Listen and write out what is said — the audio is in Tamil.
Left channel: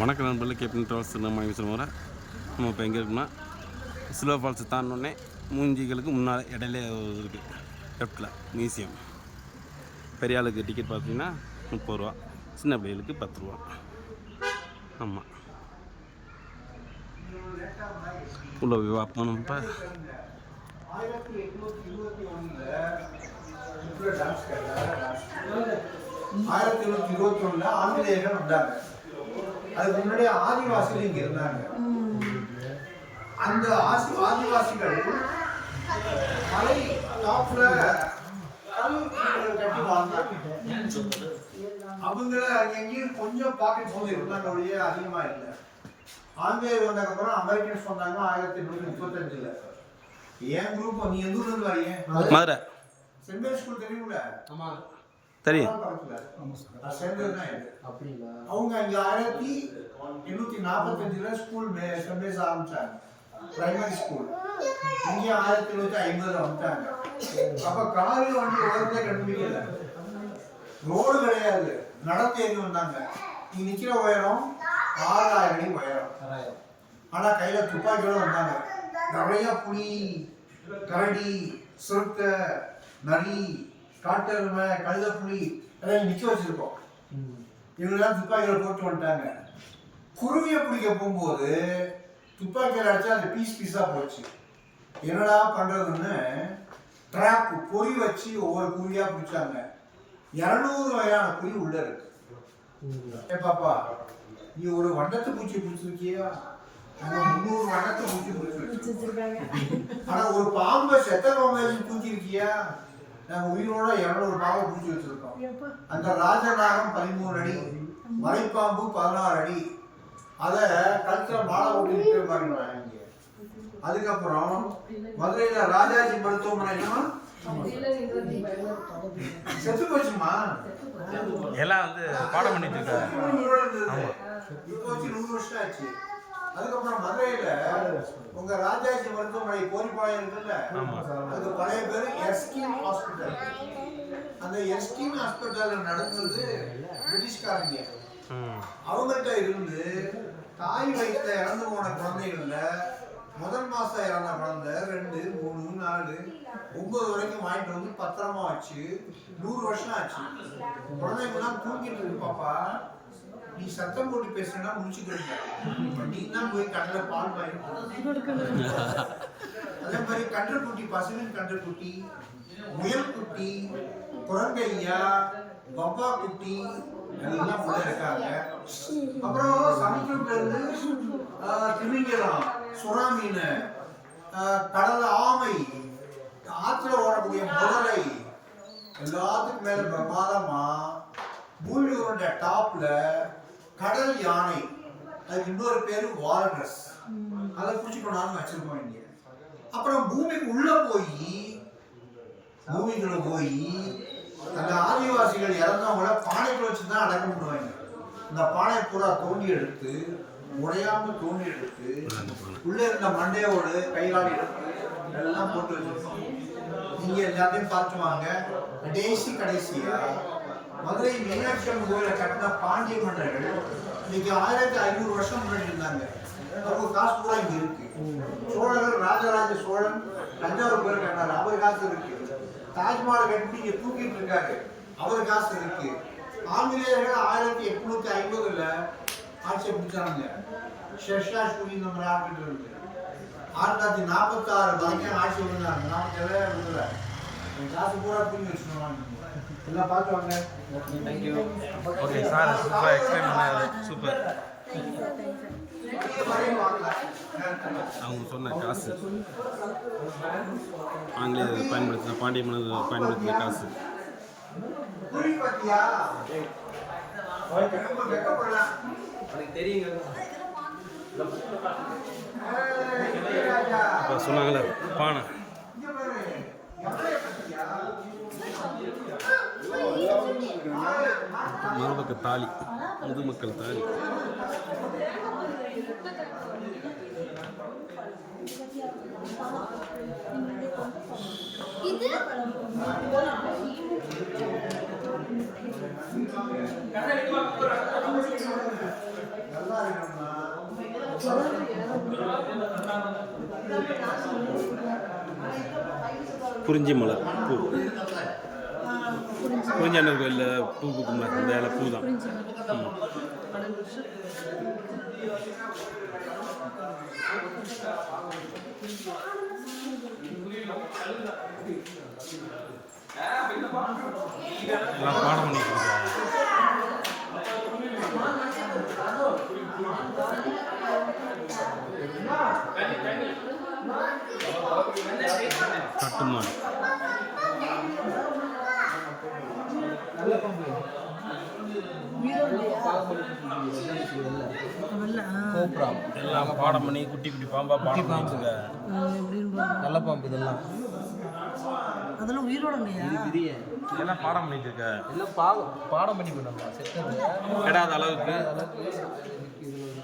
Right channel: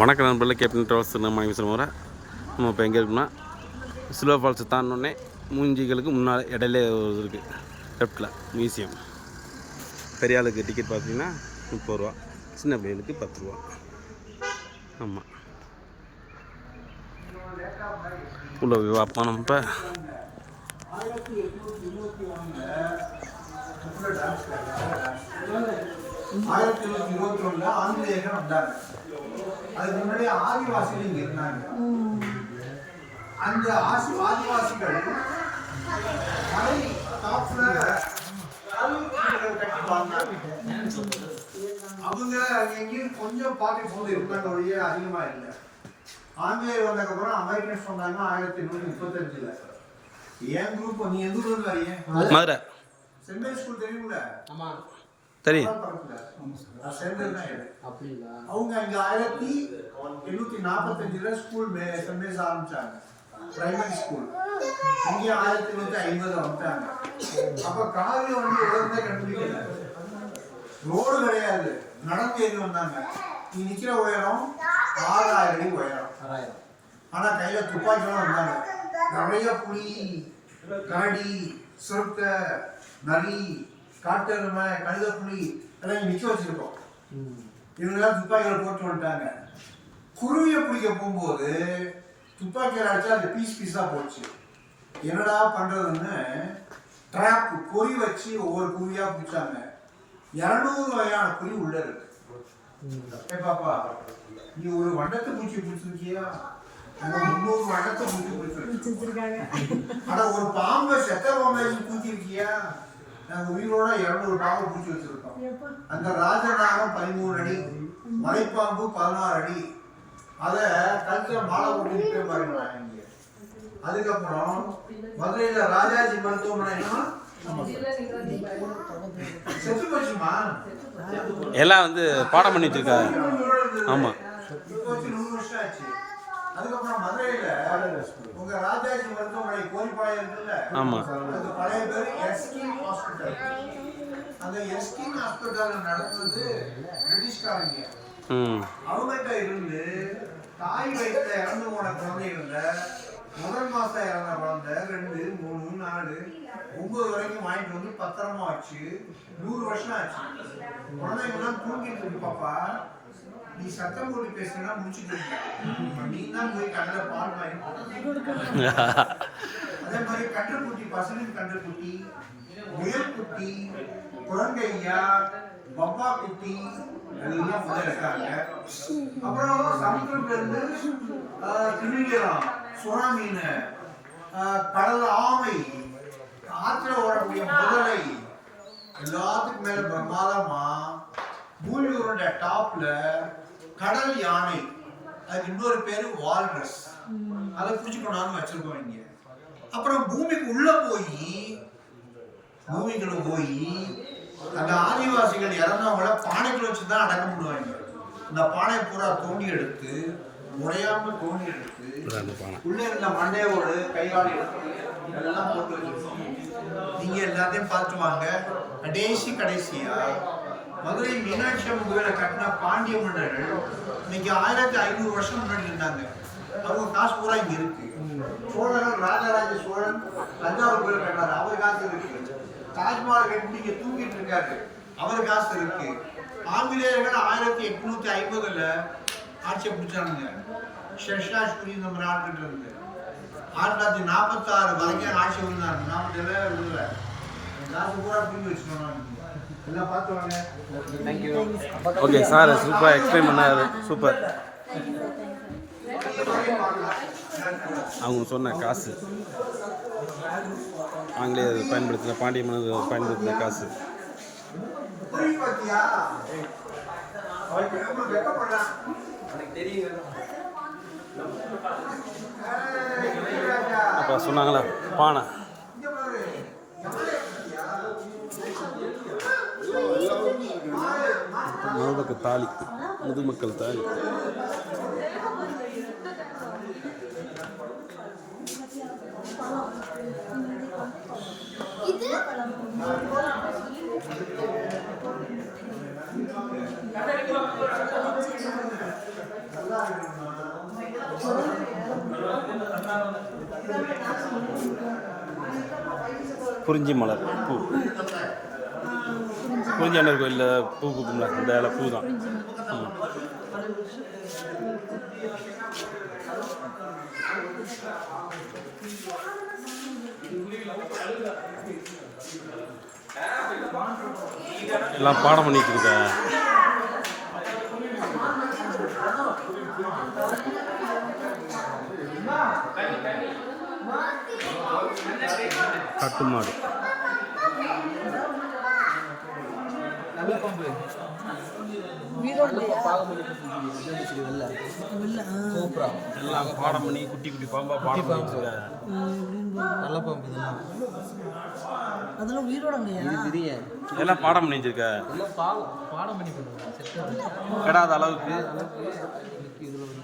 வணக்கம் நண்பர்களே, கேப்டன் ட்ராவல்ஸ் நம்ம பேசுகிற நம்ம இப்போ எங்கே இருக்குன்னா சில்வர் ஃபால்ஸ் தாண்டினோடனே மூஞ்சிகளுக்கு முன்னால் இடையில இருக்குது லெஃப்டில் மியூசியம். பெரிய ஆளுக்கு டிக்கெட் பார்த்தீங்கன்னா 30 ரூபா, சின்ன பிள்ளைகளுக்கு 10 ரூபா. ஆமாம், உள்ள பார்ப்போம். நம்ம இப்போ ஆங்கிலேயர்கள் வந்தாங்க. அதுக்கு முன்னாடி ஆதிவாசிகள் இங்க இருந்தாங்க. அந்த ஆதிவாசிகள் மலை டாப்ல கட்டி வாழ்ந்தாங்க. அவங்க எங்கேயும் கொஞ்சம் பாக்கெட் ஃபோன் இருந்தாங்க, ஒழிய அதிகமா இல்லை. ஆங்கிலேயர் வந்ததுக்கு அப்புறம் அமெரிக்கன்ஸ் வந்தாங்க 1835. என் குரூப் நீ எந்த ஊர்ல வரீங்க? மதுரை சென்ட் மேரி ஸ்கூல் தெரியும்ல? ஆமா தெரியும். அவங்க இங்க 1845 ஸ்கூல் சென்ட் மேரிஸ் ஆரம்பிச்சாங்க, பிரைமரி ஸ்கூல். இங்க 1850 வந்துட்டாங்க. அப்ப காலையில வந்து உடனே கண்டுபிடிக்கல, ரோடு கிடையாது, நடந்து ஏறி வந்தாங்க. இங்க நிக்கிற உயரம் 6000 அடி உயரம். ஆனா கையில துப்பாக்கியோட வந்தாங்க. நிறைய புலி, கரடி, சிறுத்தை, நரி, காட்டெருமை, கழுதைப்புலி எல்லாம் நிக்க வச்சிருக்கோம். இவங்கெல்லாம் துப்பாக்கியில போட்டு வந்துட்டாங்க. குருவியை பிடிக்க போகும்போது துப்பாக்கியில் அடிச்சா அது பீஸ் பீஸா போச்சு. என்னடா பண்றதுன்னு ட்ராப் பொறி வச்சு ஒவ்வொரு குருவியா பிடிச்சாங்க. 200 வகையான குருவி உள்ள இருக்கு. பாப்பா, நீ ஒரு வண்டத்து பூச்சி பிடிச்சிருக்கியா? 300 வண்டத்தை பூச்சி பிடிச்சிருக்காங்க. ஆனா ஒரு பாம்பை செத்த பாம்பை பூச்சிருக்கியா? நாங்க உயிரோட 200 பாம்பை பூச்சி வச்சிருக்கோம். அந்த ராஜநாகம் 13 அடி, மலைப்பாம்பு 16 அடி. அத கழுத்துல மாலை போட்டு நிற்கிற பாருங்க. அதுக்கப்புறம் மதுரையில ராஜாஜி மருத்துவமனையும் செத்து போச்சுமா, எல்லாம் வந்து பாடம் பண்ணி வச்சிருக்காங்க. ஆமா, 100 வருஷம் ஆச்சு. அதுக்கப்புறம் மதுரையில உங்க ராஜாஜி மருத்துவமனை கோரிப்பாளையம் இருக்குல்ல? ஆமா, அதுக்கு பழைய பேரு எஸ்கின் ஹாஸ்பிட்டல். அந்த எஸ்கின் ஹாஸ்பிட்டல்ல நடந்தது பிரிட்டிஷ்காரங்க. அவங்கள்ட்ட இருந்து தாய் வயிற்றுல இறந்து போன குழந்தைகள்ல முதல் மாசம் இறந்த குழந்தை 2, 3, 4, 9 வரைக்கும் வாங்கிட்டு வந்து பத்திரமா வச்சு 100 வருஷம் ஆச்சு. குழந்தைங்கெல்லாம் தூங்கிட்டு இருக்கு. பாப்பா, நீ சத்தம் போட்டு பேசுனா முடிச்சுக்கிறீங்க. நீ தான் போய் கண்ணுல பால் வாங்கி. அதே மாதிரி கன்றுக்குட்டி, பசுவின் கன்றுக்குட்டி, முயல்குட்டி, குரங்கையா, பப்பா குட்டி எல்லாம் உள்ள இருக்காங்க. அப்புறம் சமுத்திரத்துல இருந்து திமிங்கலம், சுறா மீன், கடல் ஆமை, ஆத்துல ஓடக்கூடிய முதலை, எல்லாத்துக்கும் மேல பிரமாதமா பூமியோட டாப்ல கடல் யானை, அதுக்கு இன்னொரு பேரு வால்ரஸ், அதை குடிச்சு கொண்டாந்து வச்சிருக்கோம் இங்க. அப்புறம் பூமிக்கு உள்ள போய் அந்த ஆதிவாசிகள் இறந்தவங்கள பானைக்குள்ள வச்சுதான் அடக்கம் பண்ணுவாங்க. இந்த பானை பூரா தோண்டி எடுத்து, உடையாம தோண்டி எடுத்து, உள்ள இருந்த மண்டையோடு கையாடி எடுத்து எல்லாம் போட்டு வச்சிருக்கோம். நீங்க எல்லாத்தையும் பார்த்து வாங்க. கடைசியா மதுரை மீனாட்சி அம்மன் கோயிலை கட்டின பாண்டிய மன்னர்கள் இன்னைக்கு 1500 வருஷம் முன்னாடி இருந்தாங்க. அவங்க காசு பூரா இங்க இருக்கு. சோழர்கள், ராஜராஜ சோழன் தஞ்சாவூர் கோயில் கட்டினார், அவர் காசு இருக்கு. தாஜ்மஹால் கட்டி இங்க தூக்கிட்டு இருக்காரு, அவர் காசு இருக்கு. ஆங்கிலேயர்கள் 1850 ஆட்சியை பிடிச்சாங்க. ஷெர்ஷா சூரி இந்த நாட்டுகிட்ட இருந்து 1946 வரைக்கும் ஆட்சி விழுந்தாங்க. 47 விழுல காசு பூரா புரிஞ்சு வச்சுக்கணும். எல்லாம் பார்த்து வாங்க. தேங்க்யூ. ஓகே சார், சூப்பராக எக்ஸ்பிளைன் பண்ணாரு. சூப்பர். அவங்க சொன்ன காசு, ஆங்கிலேயர் பயன்படுத்தின, பாண்டிய மன்னர் பயன்படுத்தின காசு. அப்போ சொன்னாங்களா பானை, மருமக்க தாலி, முதுமக்கள் தாலி. நல்லா குறிஞ்சி மலர் பூ. குறிஞ்சி ஆண்டவர் கோயிலில் பூ பூக்கும்ல, இந்த இலை பூ தான். ஆமாம். எல்லாம் பாடம் பண்ணிட்டு இருக்கேன். கட்டுமாடு எல்லாம் பாடம் பண்ணி குட்டி குட்டி பாம்பா பாடம் பண்ணிட்டு இருக்க. நல்ல பாம்பு இதெல்லாம். அதெல்லாம் உயிரோடங்கய்யா. எல்லாம் பாடம் பண்ணி வச்சிருக்க. எல்லாம் பாடம் பண்ணி பண்ணாங்க. கெடாத அளவுக்கு. இதில் ஒரு